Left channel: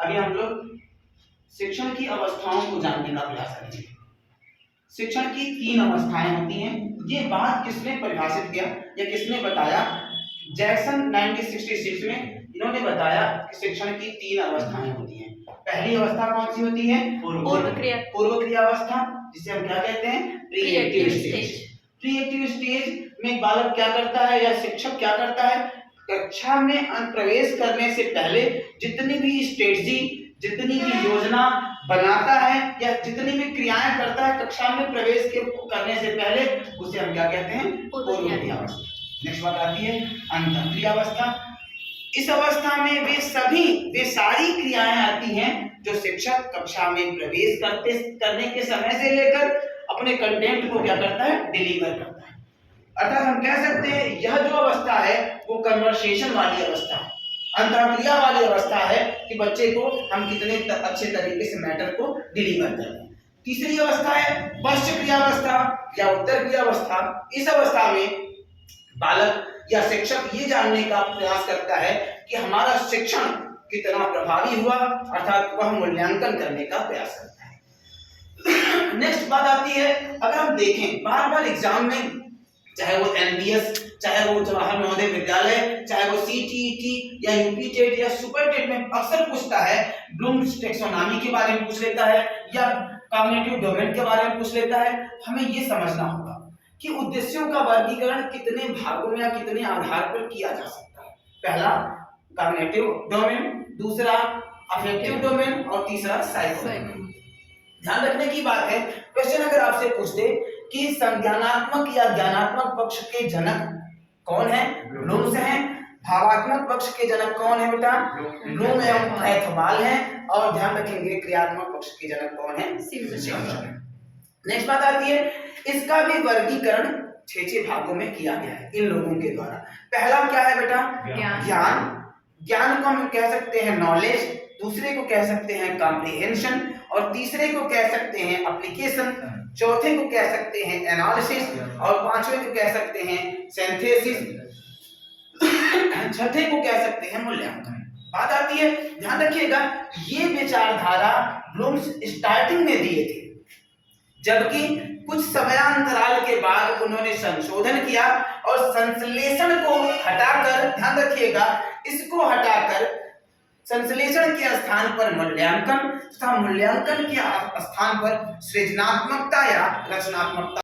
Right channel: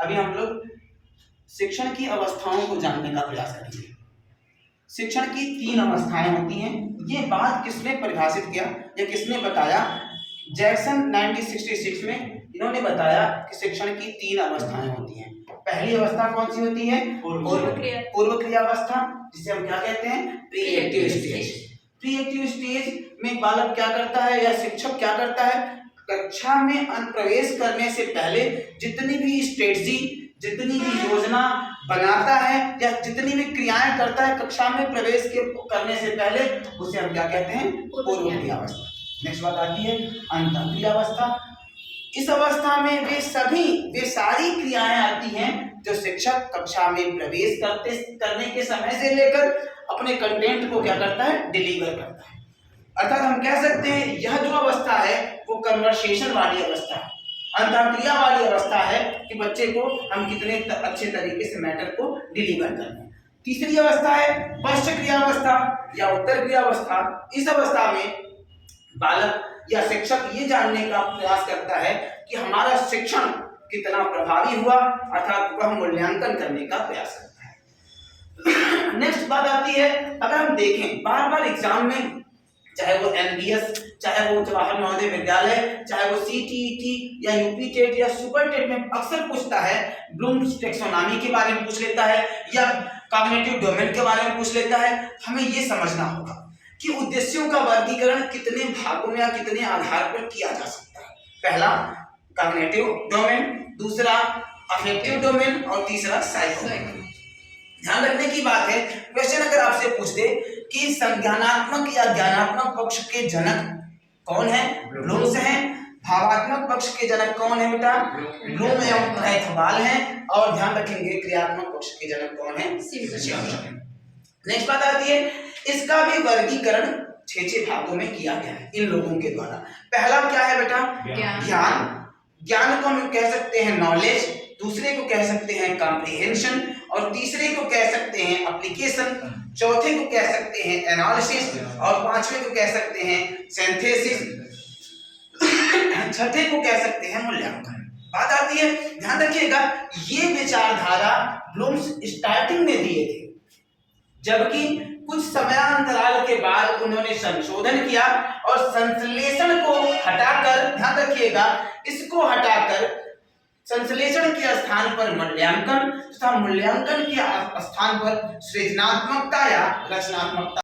अभी हम लोग शिक्षण की अवस्थाओं को जानने का प्रयास करेंगे। शिक्षण की 3 अवस्थाएं होती हैं। ये बात किसने परिभाषित किया या किसने बताया? जैक्सन 1966 में इन्होंने बताया कि शिक्षण की 3 अवस्थाएं होती हैं। पहली अवस्था कौन सी होती है? पूर्व क्रिया अवस्था, जिसे हम क्या कहते हैं? Pre active stage. Pre active stage में बालक क्या करता है या शिक्षक क्या करता है? कक्षा में प्रवेश करने से पहले जितनी भी स्ट्रेटजी, जितनी भी योजना बनाता है या जितनी भी क्रियाएं करता है कक्षा में प्रवेश करने से पहले, उसे हम क्या कहते हैं? पूर्व क्रिया अवस्था। नेक्स्ट बात आती है अंतः क्रिया अवस्था। इस अवस्था में वे सारी क्रियाएं आती हैं जो शिक्षक कक्षा में प्रवेश करने के समय से लेकर अपने कंटेंट को क्या करता है? डिलीवर करता है। अर्थात हम कह सकते हैं यह जो अवस्था है वो कन्वर्सेशन वाली अवस्था है, अंतःक्रिया वाली अवस्था है कि बच्चे को हम कितने अच्छे तरीके से मैटर को डिलीवर कर रहे हैं। तीसरी अवस्था है पश्च क्रिया अवस्था या उत्तर क्रिया अवस्था। इस अवस्था में बालक या शिक्षक ये जानने का प्रयास करता है कि हमारा शिक्षण कितना प्रभावी हुआ, अर्थात वह मूल्यांकन करने का प्रयास करता है। नेक्स्ट बात आती है, अगर हम देखें बार बार एग्जाम में, चाहे वो एमबीएस, चाहे वो जवाहर नवोदय विद्यालय, चाहे वो सीटीईटी या यूपी टेट या सुपर टेट में अक्सर पूछता है, ब्लूम्स टैक्सोनॉमी के बारे में पूछ लेता है या कॉग्निटिव डोमेन के बारे में पूछ लेता है। हमें ये समझना होगा कि उद्देश्यों का वर्गीकरण कितने भागों में या कितने आधार पर किया जा सकता है। पहला कॉग्निटिव डोमेन, दूसरा अफेक्टिव डोमेन और तीसरा साइको। ध्यान रखने की बात है, क्वेश्चन अगर आपसे पूछ दे कि संज्ञानात्मक या ज्ञानात्मक पक्ष के जनक कौन है? ब्लूम्स हैं। भावात्मक पक्ष के जनक कौन है बेटा? ब्लूम एवं कैथवाल हैं। और ध्यान रखेंगे क्रियात्मक पक्ष के जनक कौन है? सिमर्सन। नेक्स्ट बात आती है, इसका भी वर्गीकरण 6 भागों में किया गया है इन लोगों के द्वारा। पहला क्या है बेटा? ज्ञान। ज्ञान को हम कह सकते हैं नॉलेज, दूसरे को कह सकते हैं कॉम्प्रिहेंशन और तीसरे को कह सकते हैं एप्लीकेशन, चौथे को कह सकते हैं एनालिसिस और पांचवें को कह सकते हैं सिंथेसिस, छठे को कह सकते हैं मूल्यांकन। बात आती है, ध्यान रखिएगा, ये विचारधारा ब्लूम्स स्टार्टिंग में दिए थे, जबकि कुछ समयांतराल के बाद उन्होंने संशोधन किया और संश्लेषण को हटाकर, ध्यान रखिएगा, इसको हटाकर संश्लेषण के स्थान पर मूल्यांकन तथा मूल्यांकन के स्थान पर सृजनात्मकता या रचनात्मकता